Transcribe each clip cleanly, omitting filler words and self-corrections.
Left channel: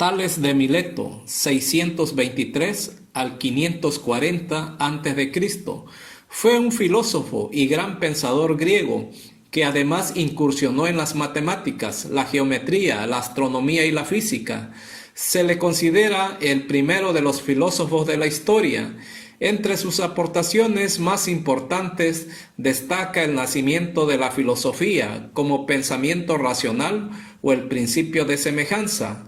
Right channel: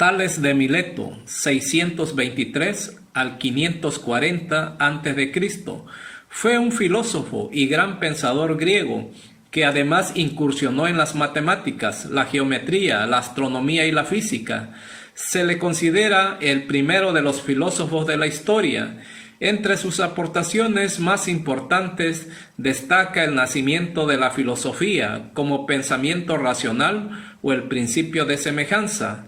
Tales de Mileto, 623 al 540 a.C., fue un filósofo y gran pensador griego que además incursionó en las matemáticas, la geometría, la astronomía y la física. Se le considera el primero de los filósofos de la historia. Entre sus aportaciones más importantes destaca el nacimiento de la filosofía como pensamiento racional o el principio de semejanza.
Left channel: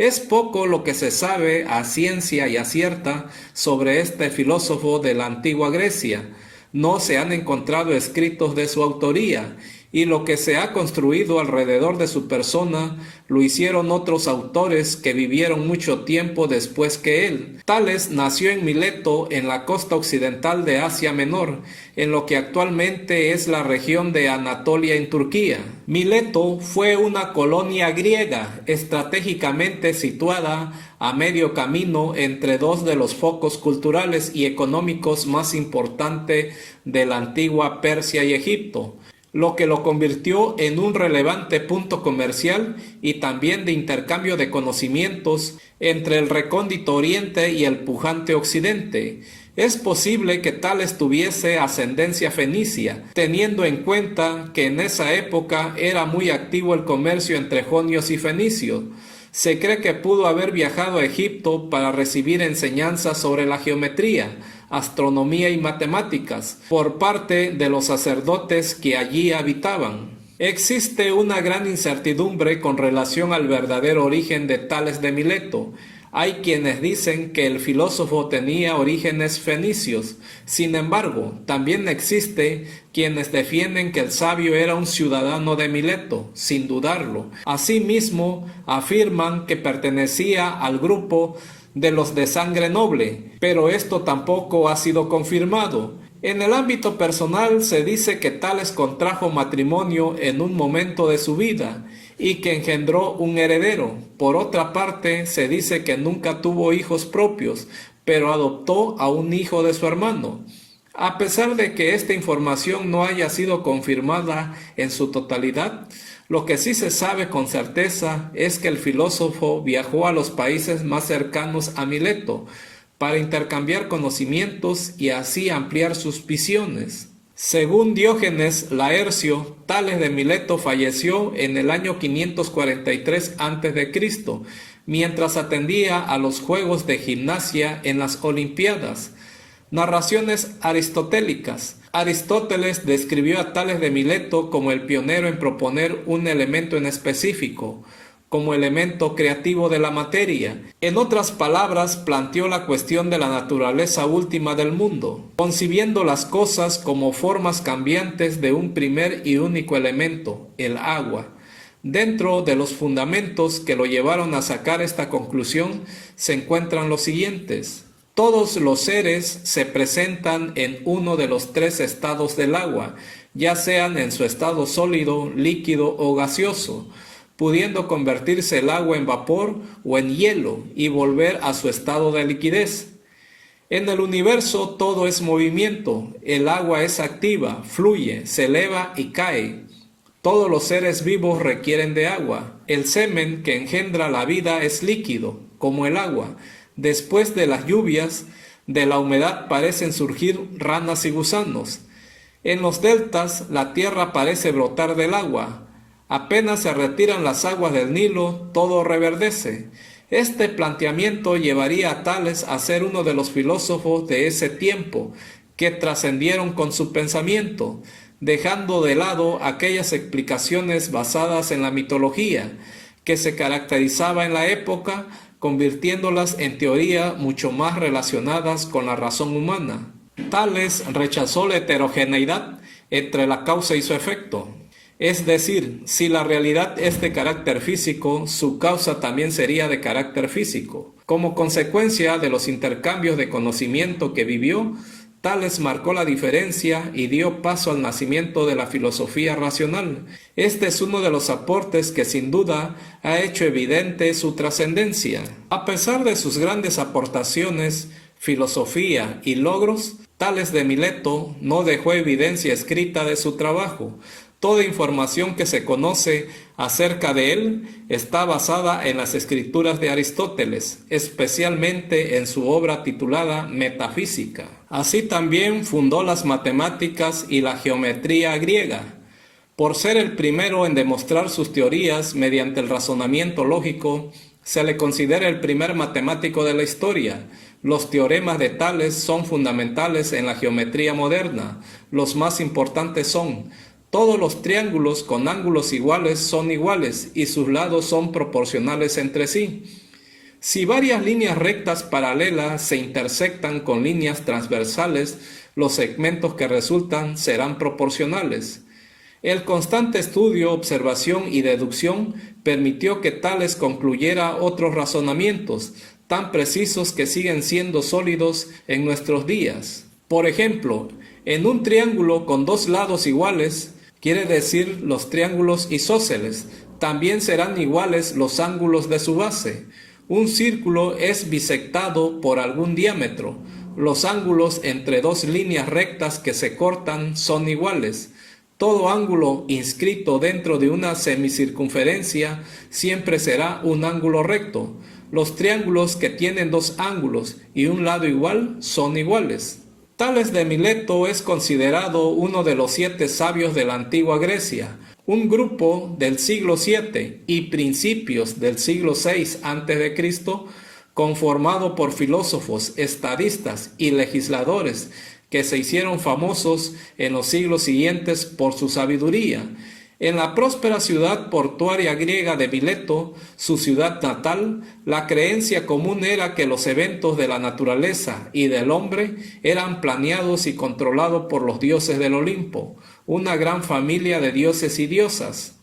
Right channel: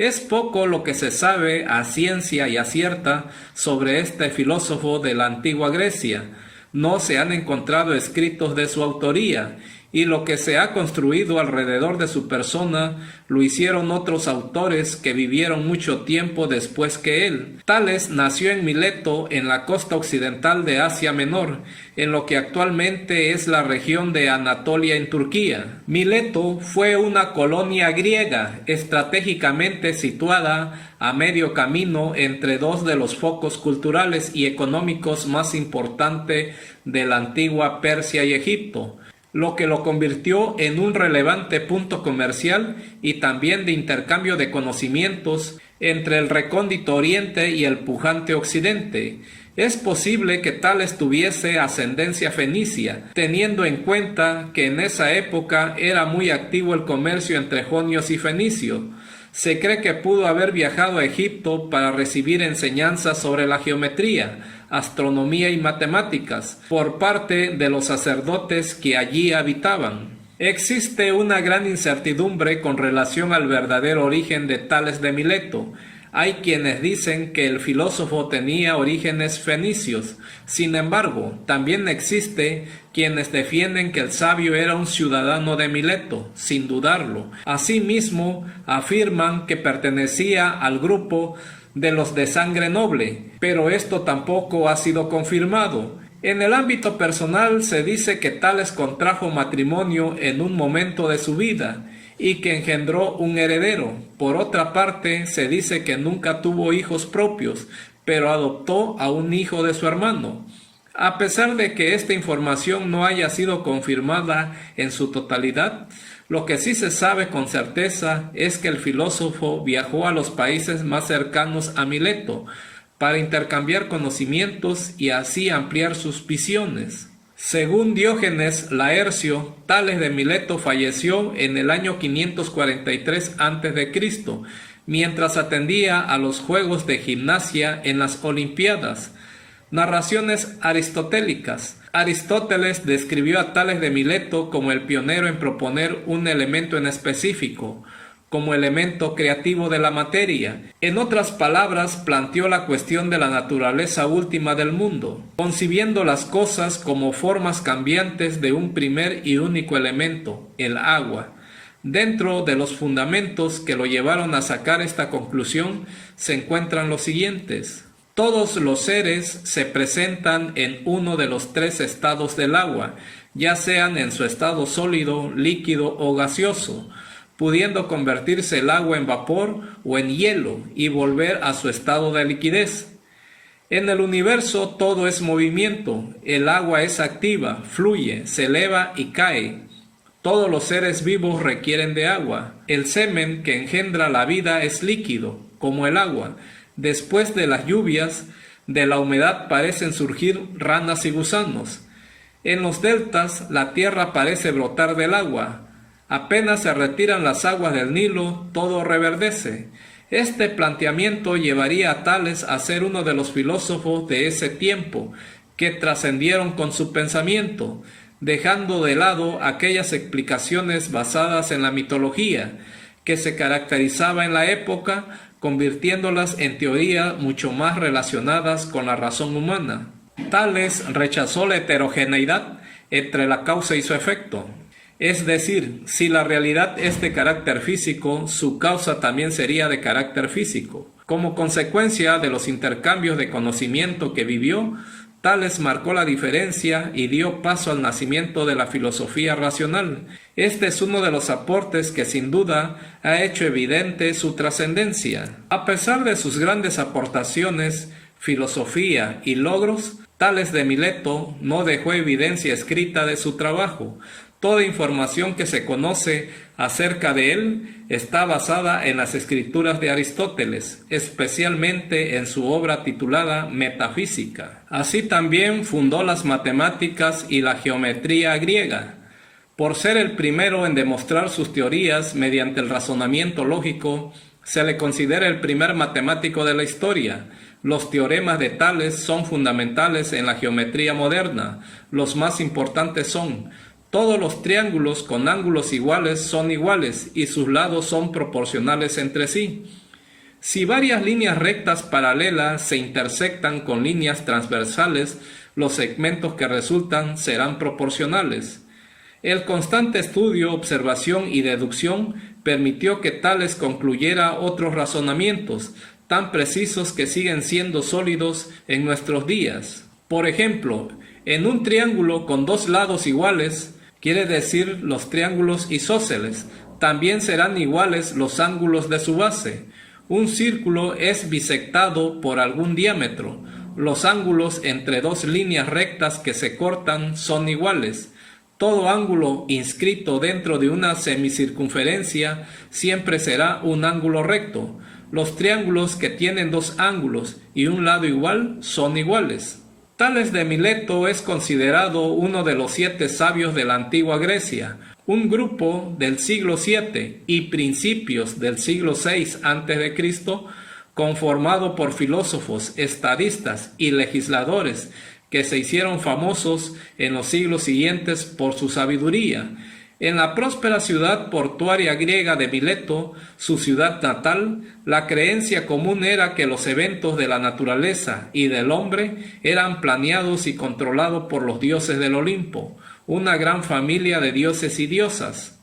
Es poco lo que se sabe a ciencia y a cierta sobre este filósofo de la antigua Grecia. No se han encontrado escritos de su autoría, y lo que se ha construido alrededor de su persona lo hicieron otros autores que vivieron mucho tiempo después que él. Tales nació en Mileto, en la costa occidental de Asia Menor, en lo que actualmente es la región de Anatolia en Turquía. Mileto fue una colonia griega estratégicamente situada a medio camino entre dos de los focos culturales y económicos más importantes de la antigua Persia y Egipto, lo que lo convirtió en un relevante punto comercial y también de intercambio de conocimientos entre el recóndito oriente y el pujante occidente. Es posible que Tales tuviese ascendencia fenicia, teniendo en cuenta que en esa época era muy activo el comercio entre jonios y fenicios. Se cree que pudo haber viajado a Egipto para recibir enseñanzas sobre la geometría, astronomía y matemáticas por parte de los sacerdotes que allí habitaban. Existe una gran incertidumbre con relación al verdadero origen de Tales de Mileto. Hay quienes dicen que el filósofo tenía orígenes fenicios. Sin embargo, también existe quienes defienden que el sabio era un ciudadano de Mileto, sin dudarlo. Asimismo, afirman que pertenecía al grupo de los de sangre noble, pero esto tampoco ha sido confirmado. En el ámbito personal se dice que Tales contrajo matrimonio en un momento de su vida y que engendró un heredero. Por otra parte, se dice que nunca tuvo hijos propios, pero adoptó a un hijo de su hermano. A pesar de que esta información no haya sido confirmada en su totalidad, lo que sí se sabe con certeza es que el filósofo viajó a los países más cercanos a Mileto para intercambiar conocimientos y así ampliar sus visiones. Según Diógenes Laercio, Tales de Mileto falleció en el año 543 a.C., mientras atendía a los Juegos de Gimnasia en las Olimpiadas. Narraciones aristotélicas. Aristóteles describió a Tales de Mileto como el pionero en proponer un elemento en específico, como elemento creativo de la materia. En otras palabras, planteó la cuestión de la naturaleza última del mundo, concibiendo las cosas como formas cambiantes de un primer y único elemento, el agua. Dentro de los fundamentos que lo llevaron a sacar esta conclusión se encuentran los siguientes. Todos los seres se presentan en uno de los tres estados del agua, ya sean en su estado sólido, líquido o gaseoso, pudiendo convertirse el agua en vapor o en hielo y volver a su estado de liquidez. En el universo todo es movimiento, el agua es activa, fluye, se eleva y cae. Todos los seres vivos requieren de agua. El semen que engendra la vida es líquido, como el agua. Después de las lluvias, de la humedad parecen surgir ranas y gusanos. En los deltas la tierra parece brotar del agua. Apenas se retiran las aguas del Nilo, todo reverdece. Este planteamiento llevaría a Tales a ser uno de los filósofos de ese tiempo, que trascendieron con su pensamiento, dejando de lado aquellas explicaciones basadas en la mitología, que se caracterizaba en la época, convirtiéndolas en teoría mucho más relacionadas con la razón humana. Tales rechazó la heterogeneidad entre la causa y su efecto. Es decir, si la realidad es de carácter físico, su causa también sería de carácter físico. Como consecuencia de los intercambios de conocimiento que vivió, Tales marcó la diferencia y dio paso al nacimiento de la filosofía racional. Este es uno de los aportes que sin duda ha hecho evidente su trascendencia. A pesar de sus grandes aportaciones, filosofía y logros, Tales de Mileto no dejó evidencia escrita de su trabajo. Toda información que se conoce acerca de él está basada en las escrituras de Aristóteles, especialmente en su obra titulada Metafísica. Así también fundó las matemáticas y la geometría griega. Por ser el primero en demostrar sus teorías mediante el razonamiento lógico, se le considera el primer matemático de la historia. Los teoremas de Tales son fundamentales en la geometría moderna. Los más importantes son: todos los triángulos con ángulos iguales son iguales y sus lados son proporcionales entre sí. Si varias líneas rectas paralelas se intersectan con líneas transversales, los segmentos que resultan serán proporcionales. El constante estudio, observación y deducción permitió que Tales concluyera otros razonamientos, tan precisos que siguen siendo sólidos en nuestros días. Por ejemplo, en un triángulo con dos lados iguales, quiere decir los triángulos isósceles, también serán iguales los ángulos de su base. Un círculo es bisectado por algún diámetro. Los ángulos entre dos líneas rectas que se cortan son iguales. Todo ángulo inscrito dentro de una semicircunferencia siempre será un ángulo recto. Los triángulos que tienen dos ángulos y un lado igual son iguales. Tales de Mileto es considerado uno de los 7 sabios de la antigua Grecia. Un grupo del siglo VII y principios del siglo VI a.C., conformado por filósofos, estadistas y legisladores que se hicieron famosos en los siglos siguientes por su sabiduría. En la próspera ciudad portuaria griega de Mileto, su ciudad natal, la creencia común era que los eventos de la naturaleza y del hombre eran planeados y controlados por los dioses del Olimpo, una gran familia de dioses y diosas.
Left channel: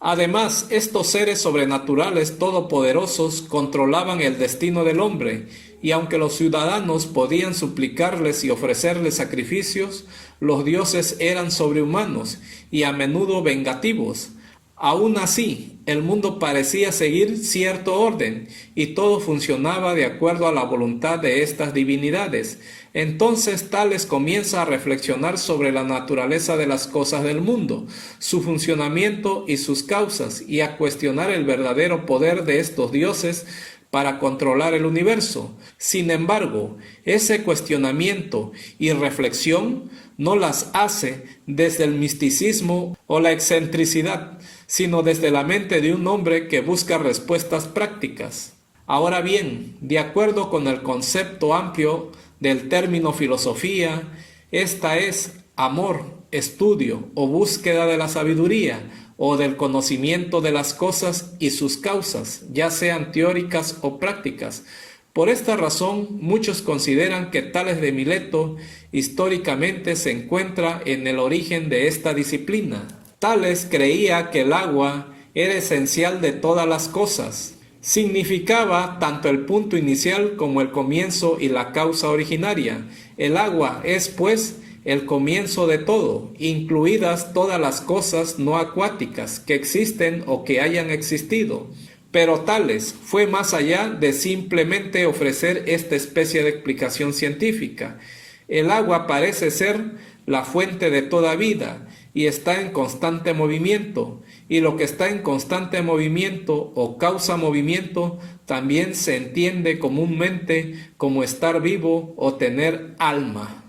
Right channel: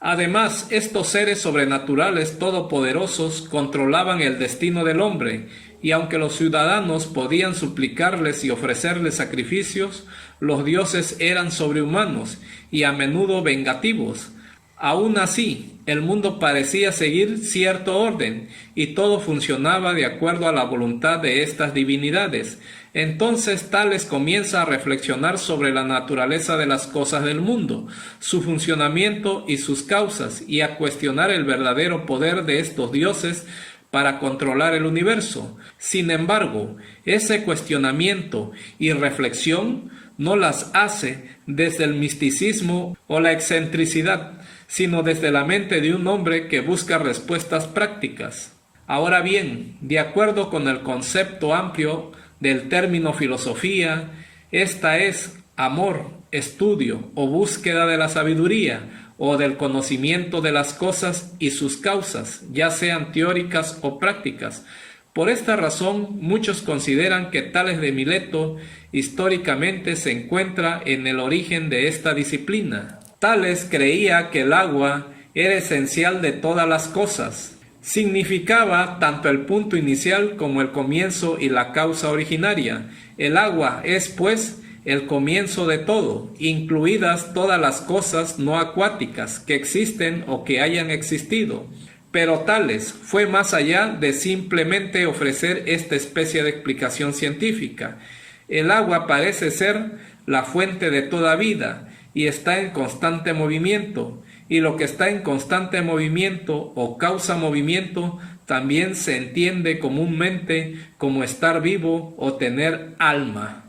Además, estos seres sobrenaturales todopoderosos controlaban el destino del hombre, y aunque los ciudadanos podían suplicarles y ofrecerles sacrificios, los dioses eran sobrehumanos y a menudo vengativos. Aún así, el mundo parecía seguir cierto orden y todo funcionaba de acuerdo a la voluntad de estas divinidades. Entonces Tales comienza a reflexionar sobre la naturaleza de las cosas del mundo, su funcionamiento y sus causas, y a cuestionar el verdadero poder de estos dioses para controlar el universo. Sin embargo, ese cuestionamiento y reflexión no las hace desde el misticismo o la excentricidad, sino desde la mente de un hombre que busca respuestas prácticas. Ahora bien, de acuerdo con el concepto amplio del término filosofía, esta es amor, estudio o búsqueda de la sabiduría o del conocimiento de las cosas y sus causas, ya sean teóricas o prácticas. Por esta razón, muchos consideran que Tales de Mileto históricamente se encuentra en el origen de esta disciplina. Tales creía que el agua era esencial de todas las cosas. Significaba tanto el punto inicial como el comienzo y la causa originaria. El agua es, pues, el comienzo de todo, incluidas todas las cosas no acuáticas que existen o que hayan existido. Pero Tales fue más allá de simplemente ofrecer esta especie de explicación científica. El agua parece ser la fuente de toda vida y está en constante movimiento, y lo que está en constante movimiento o causa movimiento también se entiende comúnmente como estar vivo o tener alma.